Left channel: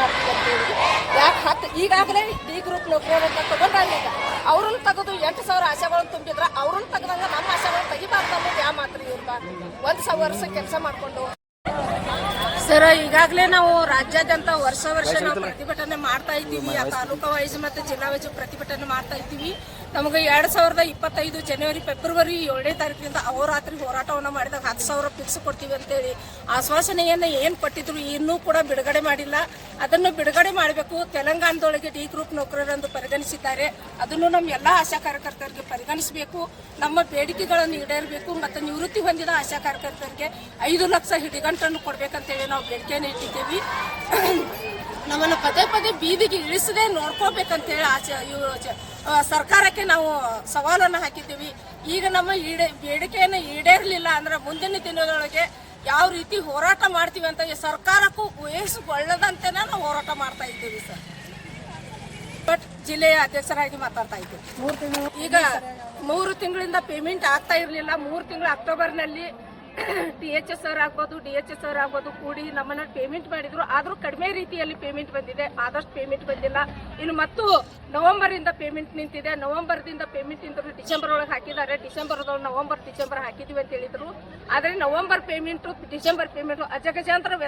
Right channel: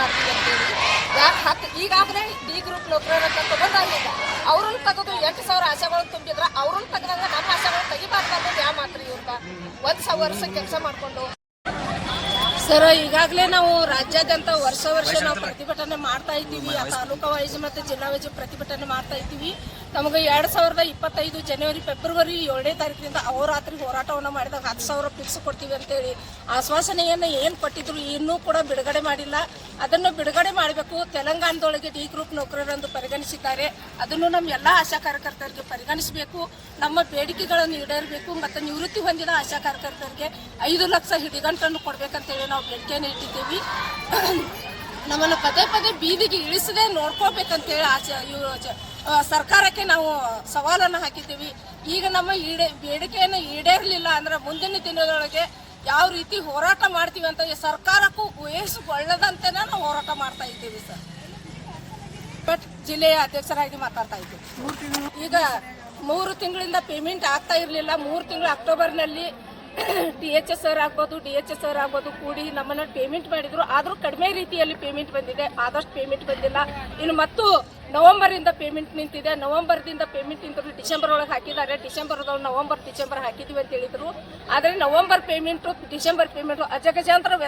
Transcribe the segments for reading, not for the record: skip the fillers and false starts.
ಮಾಡ್ತೀವಿ ಅಂತೇಳಿ. ಯಾಕೆ ಈಗಾಗಲೇ ಡಿ ಗ್ರೂಪ್ ನೌಕರರಂತ ತಗೊಂಡಾಗ ಅವ್ರನ್ನ ತೆಗೆದು 8,000 ಆಶೆಗಳನ್ನು ತುಂಬಿದ್ರ ಅವ್ರನ್ನ ತೆಗೆದಂಗ ನಮ್ಮ ಆಶೆಗಳನ್ನ ತೆಗಿಬಾರ್ದು ಅನ್ನೋದು ಯಾವ ಮಾತ್ರ ಇವ್ರದ 1 ವರ್ಷ ಕೆಲಸ ಮಾಡ್ಕೊಂಡು. ಸರ್, ಈಗಾಗಲೇ ನಾವು ರಾಜ್ಯಾದ್ಯಂತ ವರ್ಷ ನಾವು ಪ್ರತಿಭಟನೆ ಮಾಡ್ತಾ ಇದ್ದೀವಿ. ತಾಲೂಕಾ ವೈಸ್ ಮತ್ತು ಜಿಲ್ಲಾ ವೈಸ್ ಪ್ರತಿಭಟನೆ ಮಾಡ್ತಾ ಇದ್ದೀವಿ. ನಮಗೆ 2025 ಜನವರಿ ಫೆಬ್ರವರಿ 7ನೇ ತಾರೀಕಿನಿಂದ ಅಹೋರಾತ್ರಿ ಹೋರಾಟವನ್ನು ಮಾಡಿದಾಗ 10,000 ಫಿಕ್ಸ್ ಕೊಡ್ತೀವಿ ಅಂತೇಳಿ ಆಶ್ವಾಸನೆಯನ್ನು ಏನು ಕೊಟ್ಟಿದ್ರು ಇನ್ನೂ ಕೂಡ ಬಿಡುಗಡೆ ಮಾಡಿಲ್ಲ. ಅದನ್ನು ಬಿಡುಗಡೆ ಮಾಡಬೇಕು. ತೆಲಂಗಾಣದೊಳಗೆ ಡಿ ಗ್ರೂಪ್ ನೌಕರರೆಂದು ಪರಿಗಣಿಸಿದ್ದಾರೆ. ಅದನ್ನು ನಮ್ಮ ಎಲ್ಲ ಆಶಾ ಕಾರ್ಯಕರ್ತರಿಗೆ ಪರಿಗಣಿಸಬೇಕು. ನಮ್ಮ ಬೇಡಿಕೆಗಳನ್ನು ಈಡೇರಬೇಕು ಮತ್ತು ನಿವೃತ್ತಿ ಹೊಂದಿದ ಆಶಾ ಕಾರ್ಯಕರ್ತರಿಗೆ 5 ಲಕ್ಷ ಹಿಡಿಗಂಟನ್ನು ಕೊಡಬೇಕಂತೇಳಿ ನಾವು ಬೇಡಿಕೆಯನ್ನು ಇಟ್ಟಿದ್ದೀವಿ. ನಮ್ಮನ್ನು ಪದೇ ಬೀದಿಗೆ ಇಳಿಸದೆ ನೋಡ್ಕೋಬೇಕಂತೇಳಿ ಸರ್ಕಾರಕ್ಕೆ ನಾವು ಸವಾಲನ್ನು ಹಾಕಿದ್ದೀವಿ. ಈಗ ನಮ್ಮ ಬೇಡಿಕೆಯನ್ನು ಈಡೇರಲಿಲ್ಲ ಅಂದ್ರೆ ಮುಂದಿನ ದಿನದೊಳಗೆ ಯಾವ ರೀತಿ ಹೋರಾಟ ಮಾಡ್ತೀವಿ ಅಂತ ಸರ್ಕಾರಕ್ಕೂ ವಹಿಸಿಕೊಳ್ಳದಂತೆ ನಾವು ಹೋರಾಟ ಮಾಡ್ತಾ ಇದ್ದೀವಿ ಸರ್. ಬಟ್ ಜಿಲ್ಲೆಯ ಅಧ್ಯಕ್ಷರಾಗಿ ಮಾತಾಡ್ತಾ ಇದ್ದೀವಿ. ಈಗ 3 ತಿಂಗಳಿಂದ ಪೇಮೆಂಟ್ ಆಗ್ತಾ ಇರಲಿಲ್ಲ. 3 ತಿಂಗಳು ಅಕ್ಟೋಬರ್ನಲ್ಲಿ THS ಅವ್ರು ಆಗ್ಬೋದು ಕೂಡಿ ನಮ್ಮನ್ನ ಪೇಮೆಂಟ್ ಮಾಡಿದ್ರು. ಆದರೂ ಕಡಿಮೆ ರೀತಿಯಲ್ಲಿ ಪೇಮೆಂಟ್ ಬಂದಿದೆ, ಆದಷ್ಟು ಪೇಮೆಂಟ್ ಬಂದಿಲ್ಲ. ಇನ್ನು ಮತ್ತು ನವೆಂಬರಿಂದ ಪೇಮೆಂಟ್ ನಿಂತಿದೆ. ನವೆಂಬರ್ದಿಂದ ಪೇಮೆಂಟ್ ನಿಂತರು ಡಿಸೆಂಬರ್ ಒಳಗೆ ಹಾಕಿದ್ದಾರೆ. ಡಿಸೆಂಬರ್ ಹಾಕಿದ್ವಿ ಅಂತ ಹೇಳಿದ್ರು. ಆದರೆ ನವೆಂಬರ್ ಪೇಮೆಂಟು ಡಿಸೆಂಬರ್ ಪೇಮೆಂಟು ಅಜಗಜಾಂತರ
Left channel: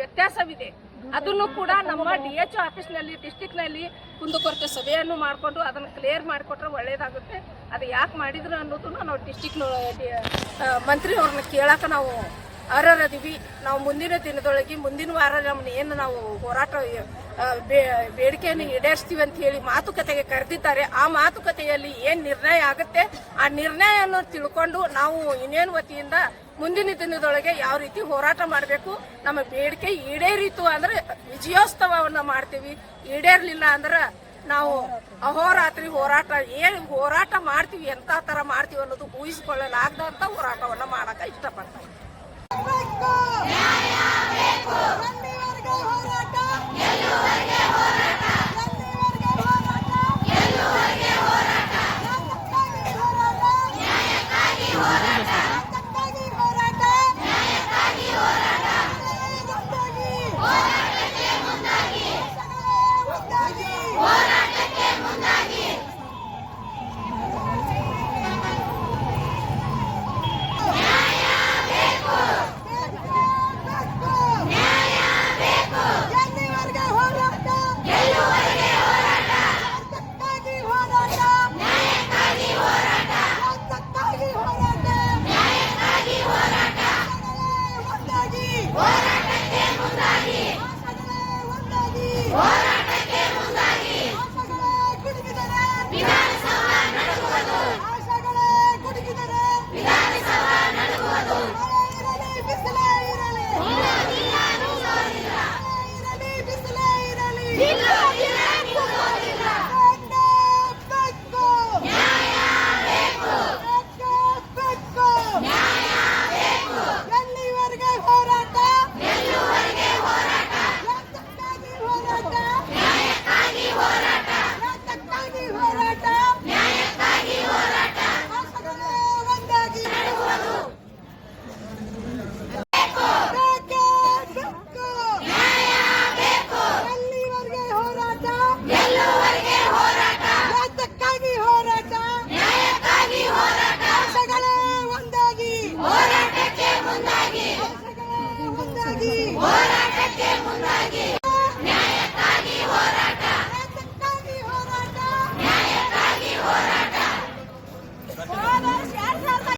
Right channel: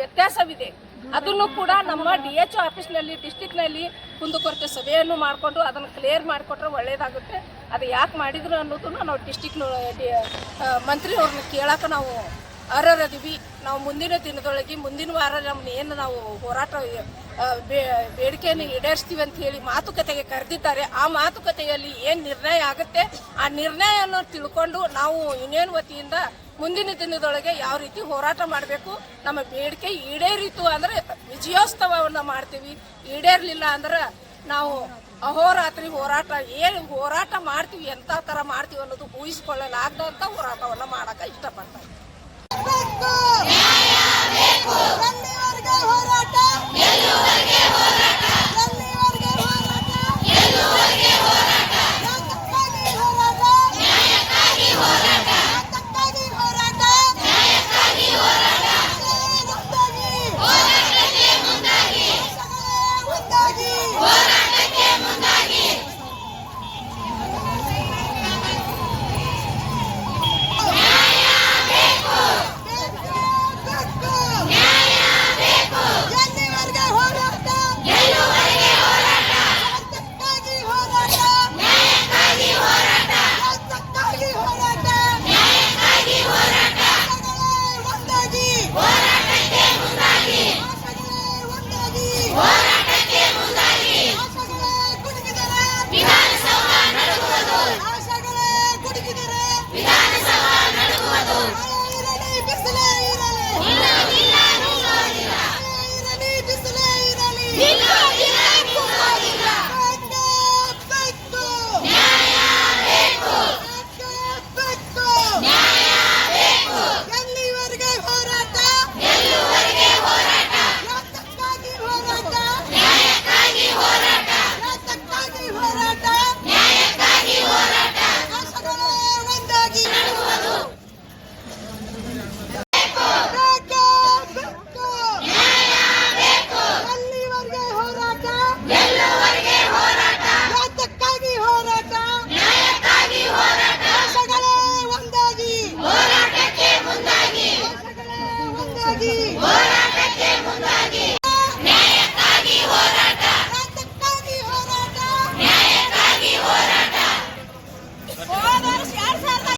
ವ್ಯತ್ಯಾಸವಿದೆ. ಅದನ್ನು ಕೂಡ ನಮ್ಮ DHO ಆಫೀಸ್ನಲ್ಲಿ ಡಿಸ್ಟಿಕ್ನಲ್ಲಿ ಕುಂದುಕೊರತೆ ಸಭೆಯನ್ನು ಮಾಡಿಕೊಂಡು ಅದನ್ನು ಕ್ಲಿಯರ್ ಮಾಡಿಕೊಟ್ರೆ ಒಳ್ಳೆಯದಾಗುತ್ತೆ. ಅದು ಯಾಕೆ ಮಾಡಿದ್ರು ಅನ್ನೋದನ್ನು ನಾವು ಡಿಸ್ಟಿಕ್ ಮಂತ್ರಿ ಅವ್ರನ್ನ ಕೇಳಕ್ಕೆ ನಾವು ಅರ್ಹರಿದ್ದೀವಿ. ನಾವು ಮುಂದಿನ ದಿನದೊಳಗೆ ಮುಂದಿನ ವಾರ ನಮ್ಮನ್ನ ಏನು ನಾವು ಹೋರಾಟ ಬೇಡಿಕೆಯನ್ನು ಈಡೇರಿಸ್ತೀವಿ ಅಂತ ಹೇಳಿ ಮಾತುಕತೆಗೆ ಕರೆದಿದ್ದಾರೆ. ಆ ಮಾತುಕತೆಯಲ್ಲಿ ಏನು ನಿರ್ಣಯ ಆಗುತ್ತೆ ಆ ನಿರ್ಣಯವನ್ನು ತಿಳ್ಕೊಂಡು ನಾವು ಯೂನಿಯನ್ ವತಿಯಿಂದ ಮುಂದಿನ ದಿನದೊಳಗೆ ಯಾವ ರೀತಿ ಹೋರಾಟ ಮಾಡಬೇಕು, ನಮ್ಮ ಬೇಡಿಕೆ ಈಡೇರಿತು ಅಂದ್ರೆ ವಿಜಯೋತ್ಸವವನ್ನು ಮಾಡ್ತೀವಿ. ಈಡೇರಲಿಲ್ಲ ಅಂದ್ರೆ ನಾವು ಅಹೋರಾತ್ರಿ ಏನು ಹೋರಾಟ ಮಾಡ್ತೀವಿ, ಎಂಥ ಥರ ಮಾಡ್ತೀವಿ ಅನ್ನೋದು ಊಹಿಸಿಕೊಳ್ಳಲಾಗದಂಥ ಹೋರಾಟವನ್ನು ಮಾಡಕ್ಕೆ ಇಷ್ಟಪಡ್ತಾರೆ.